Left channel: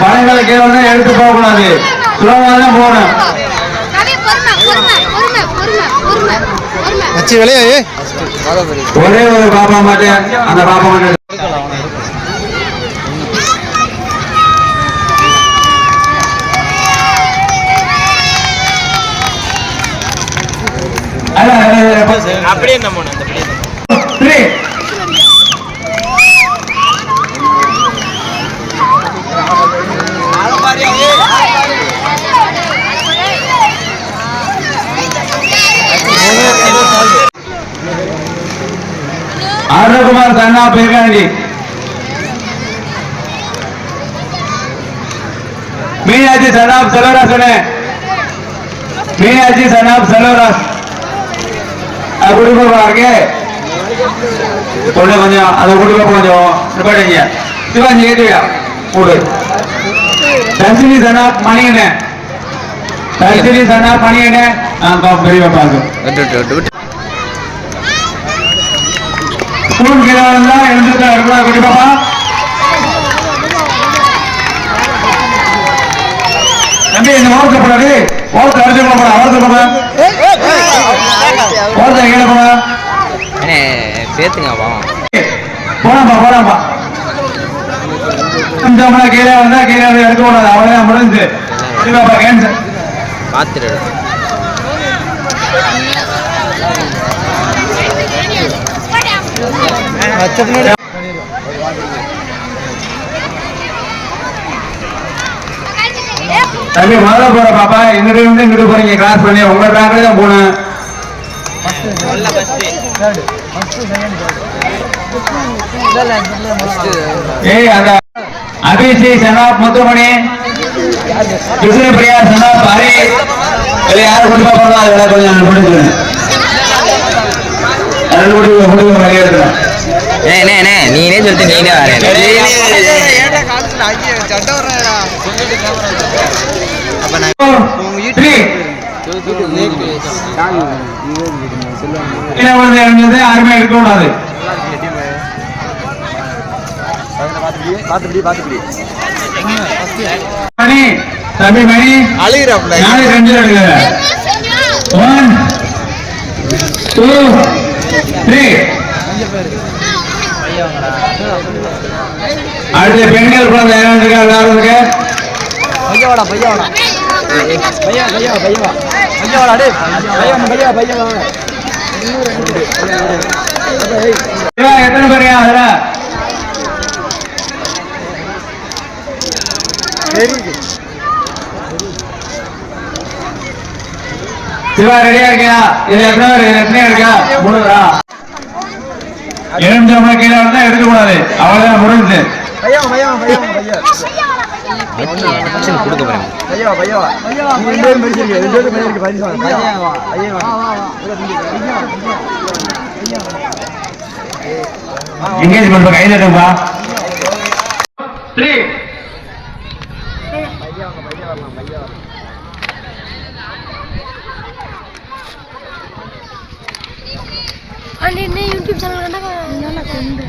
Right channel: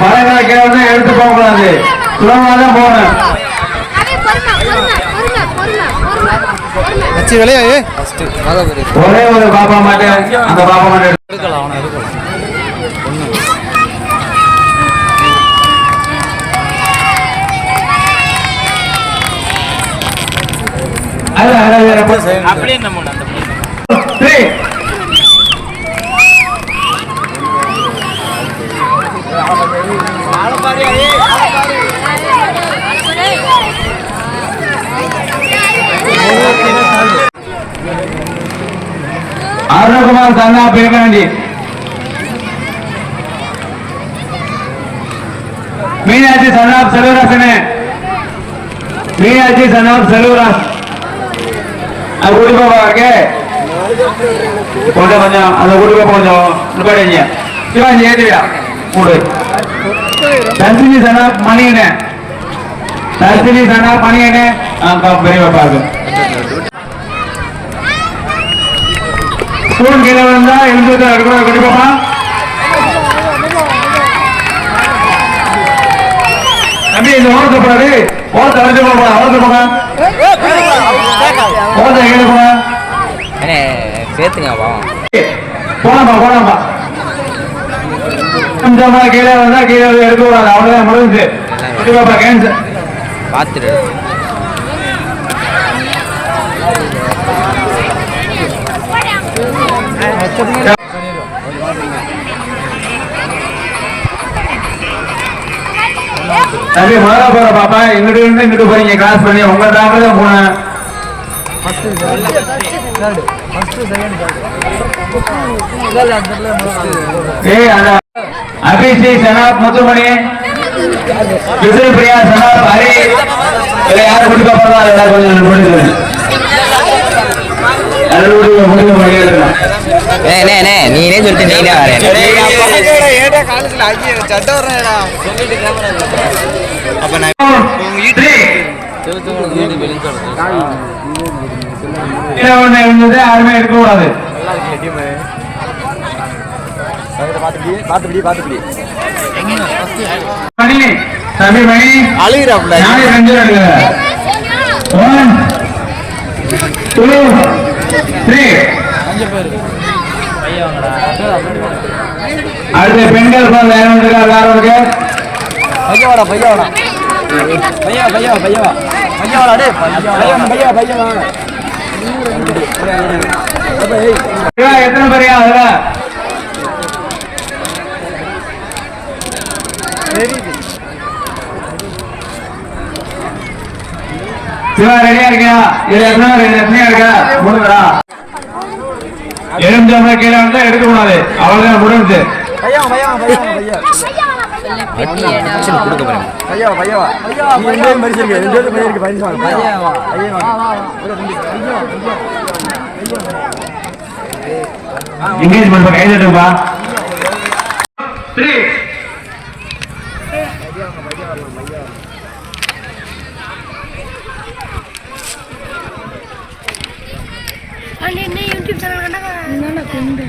பழங்களை கீழே வந்து எடுத்து போகக்கூடாது சுலமாக தான் போகணும் ஒரே ஒரு பாப்பா மட்டும் அந்த பாப்பா மட்டும் அப்படியே நம்ம அந்த Three. அருண்குமார் சன்னா பேகாண்டி மீனாட்சி சன்னாப் செல்வராசனே. மீனாட்சி சன்னாப் செல்வராஸ். கொஞ்சம் கொஞ்சம் அதை கொடுக்க கொஞ்சம் நிப்பாடுங்க சிவாஜி ஏத்துவியா மூடு. தர்சினி சனாப் மணியனே. தர்சினி சனாப் மணியனே. பெரியவா பாருங்க. ஸ்கூல் கீழே வந்தா எழுந்துட்டு இருக்கணும் குடி பாப்பா. தம்பி இந்த ஓரத்தை போடாது ஓரத்தை அடிச்சு போட அவரத்தை போட. ஓரத்தை கீழே போட சேர்த்துங்க பாவம். போலாம்பா போலாம்பா கொஞ்சமா கீழே வந்தா கீழே எடுக்க கூடாது அவ்வளவுதான் முடிஞ்சு. குடி பாப்பா கேன்சர் பார்த்துட்டு தம்பி முதல்ல போற பாப்பா. இங்கிட்டு இருந்து இங்கிட்டு போறீங்க. கிராஸ் பண்ணி உங்க தான் போனேன் ஏய் சனாப் முத்துமணி விஜய் பிரியா சனாப் ஹரி யாரு போறதோ கொஞ்சம் நீனே சொல்லிட்டு நீனே வரேன் த்ரீ கீழே விழுந்து எழுந்தது யாருமே இருக்கக்கூடாது. மணி தம்பி மணி. அழுகிறாப்ல நாலு ரெண்டு எடுங்க ஒன் டூ த்ரீ அடுத்து பெண்கள் குழந்தை இருக்கா எல்லாரும் இருக்கு பையவாடா பையவாடா. பையா பையா பையா பையவாடா டே பையா பையா பையா சிவா, எத்தனை பேரையா அதுல? சிவா ரெடியா இருக்கியா? இது எத்தனை பேர் எத்தனையா இருக்கா? மூணு பேரா எலுமிச்சம்பழ கீழே வந்தா எடுக்க கூடாது அவ்வளவுதான் முடிஞ்சு கொடுக்க போறேன். பையா நீ ரெண்டு பேரும் படிச்சிருக்க ரெண்டு பேரும் படிச்சிருக்க என்கேஜ்மெண்ட் கை தட்டுப்பா த்ரீ அதில் என்ன யூடியூப் சேனல் கண்டா கொண்டு